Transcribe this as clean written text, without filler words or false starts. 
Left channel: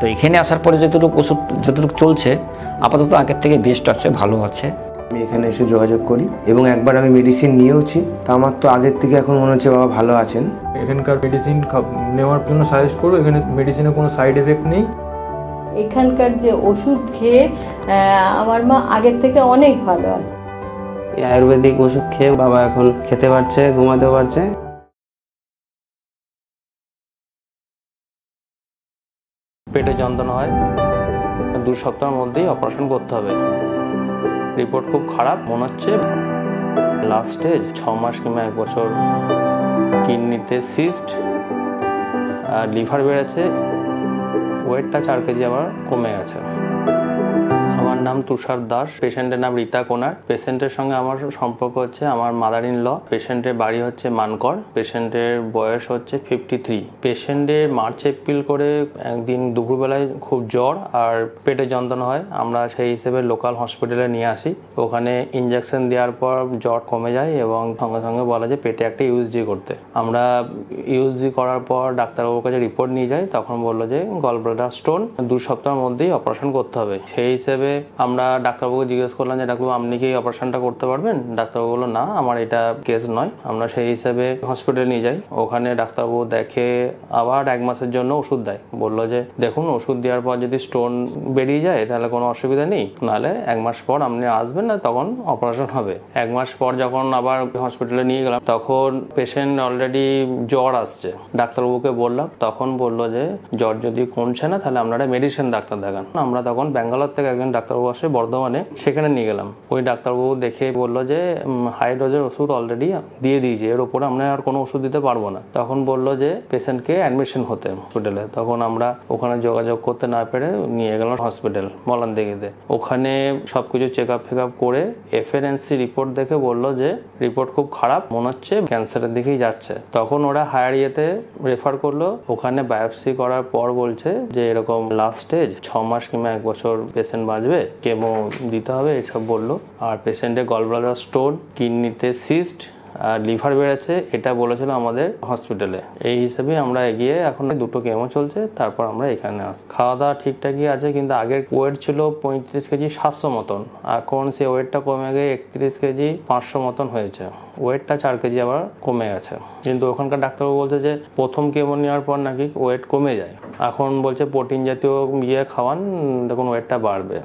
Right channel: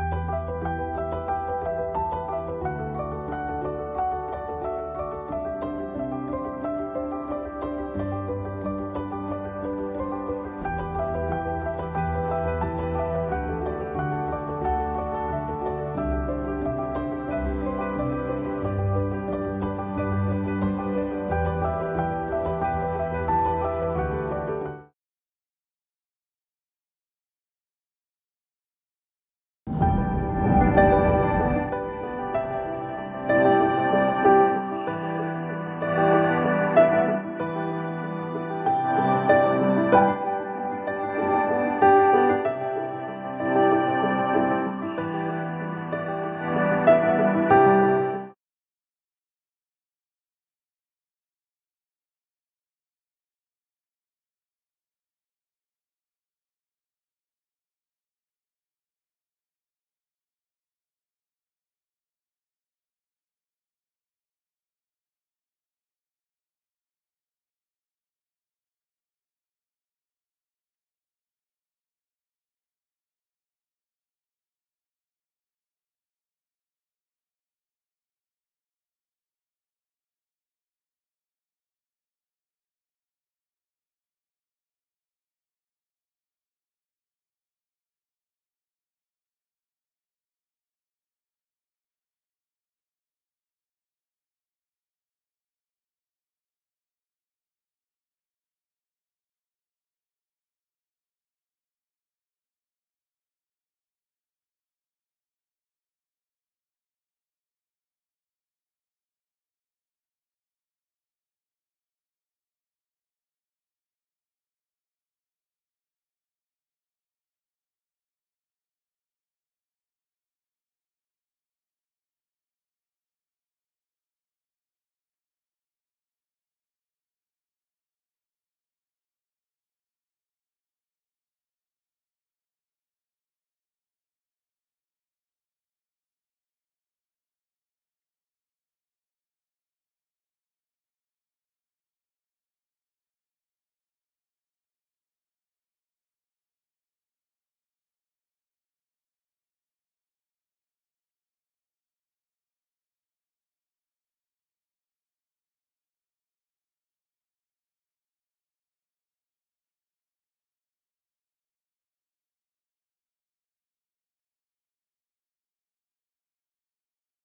তো এখানে আসার পরে যতটুকু ওষুধ যতটুকু চলছে আপাতত আগের থেকে বেস্ট আছে, ভালো আছে। আমি এখানে এসে যোগাযোগ করি এবং একবার আমি মেডিসিন নিয়েওছি, তা আমার তো আগের থেকে এখন মনে হচ্ছে বাবা ভালো আছেন। এখানকার মেডিসিন নেওয়ার জন্য সাজেস্ট করবো। এখানে মেডিসিনের কোনো সাইড এফেক্ট নেই। এখানকার যে ওষুধ খেয়ে আমার মা আগের থেকে অনেক ভালো আছে। আয়ুর্বেদিক ওষুধ খেয়ে বাবা এখন খেতে পারছে, ঘুমাতেও পারছে। পেটে যন্ত্রণা হয়, 2 সপ্তাহের মধ্যেই অপারেশন করতে হবে। রিপোর্ট খুব খারাপ মনে হচ্ছে, লাস্ট স্টেজ 6 মাস কিংবা 1 বছর। কিডনিতে সিস্ট আর লিভার বেড়েছে, ওয়েটটা 4 কেজি আবার কমে গেছে। আমার নাম তুষার দাস, পেশেন্টের নাম রীতা কোনার। পেশেন্টের সঙ্গে আমার সম্পর্ক হচ্ছে আমার মাদার ইন ল। পেশেন্টের বাড়ি হচ্ছে মানকর, পেশেন্টের বয়স হচ্ছে 53। পেশেন্টের মার্চ এপ্রিল করে একদিন দুপুরবেলায় খুব জ্বর আর পেটে যন্ত্রণা হয়। আমরা সেই হিসেবে লোকাল হসপিটালে নিয়ে আসি। ওখানে ইঞ্জেকশন দেওয়ার পর জ্বর কমে যায় এবং সঙ্গে সঙ্গে বলা যে পেটে একটা ইউএসজি করতে। আমরা ইউএসজি করার পর ডাক্তারবাবুর কাছে রিপোর্ট নিয়ে যাই, তখন বললো যে গল ব্লাডার স্টোন, 2 সপ্তাহের মধ্যেই অপারেশন করতে হবে। সেই হিসেবে আমরা ডাক্তারবাবুকে জিজ্ঞেস করলাম যে ডাক্তারবাবু আপনি কি অপারেশনটা করতে পারবেন? ডাক্তারবাবু বললো না, আমার এটা কেস নয়। আমরা সেই হিসেবে হসপিটালে নিয়ে যাই। ওখানে ডাক্তারবাবু দেখে আবার 1 মাসের জন্য ওষুধ দেয়। বললো যে দেখুন, ওষুধ দেওয়ার পর যদি স্টোন বেরিয়ে যায় তাহলে কোনো অসুবিধা নেই, নাহলে 1 মাস পর আপনি আসবেন না, তখন অপারেশন হবে। 1 মাস পর যখন আবার হসপিটালে নিয়ে গেলাম, তখন পেশেন্ট অলরেডি জ্বর আসছে। ডাক্তারবাবুকে বললাম, তখন বললো যে জ্বর যদি কমছে না তাহলে আপনারা মেডিসিন ডাক্তার দেখান। আমরা তখন ব্যাঙ্গালোর থেকে একজন ডাক্তারবাবু আসে বর্ধমানে, সেখানে নিয়ে গেলাম। ওই ডাক্তারবাবু দেখে বললো যে হাই ডোজের ওষুধ অলরেডি দিয়ে দিয়েছে, এর উপরে আমরা আর কোনো ওষুধ দিতে পারবো না। তখন বললো যে পেশেন্টকে অ্যাডমিশন হতে হসপিটালে। তখন আমরা ওখানে যোগাযোগ করতে না পেরে নিয়ে গেলাম হসপিটাল মলানদিঘিতে। ওখানে সবকিছু চেক আপ ফেক আপ করে এফএনসি রিপোর্ট দেখে বললো যে রিপোর্ট খুব খারাপ মনে হচ্ছে, ক্যান্সারের দিকেই যাচ্ছে। তখন ওরা হায়ার ইয়েতে রেফার করলো। ওখানে বায়োপসি করার পর বলছে যে এরকম লাস্ট স্টেজ 6 মাস কিংবা 1 বছর পেশেন্ট বাঁচবে, কেমো দিতে হবে, এসব বললো। আর পেশেন্টের গল ব্লাডার স্টোন, কিডনিতে সিস্ট আর লিভার বেড়েছে, এটা বলেছিল আমাদের হসপিটালে। এই হিসেবে আমরা এগিয়ে এখন 2টো কেমো চলছে, তারপর আমরা এখানে আসি। খাওয়া দাওয়া ঠিকঠাকই আছে, কিন্তু আগের ওয়েট ছিল 35 কেজি 700 মতন, এখন সে ওয়েটটা কমে গিয়ে 31 কেজি 500 মতন হয়েছে। ওয়েটটা 4 কেজি আবার কমে গেছে। কিন্তু ওখানকার ডাক্তারবাবু বলছে যে প্রথম কেমো নেওয়ার পর নাকি ওয়েট কমে যায়, এখন বলছে প্রোটিন জাতীয় খাওয়ান, দেখুন ওয়েটটা বাড়বে।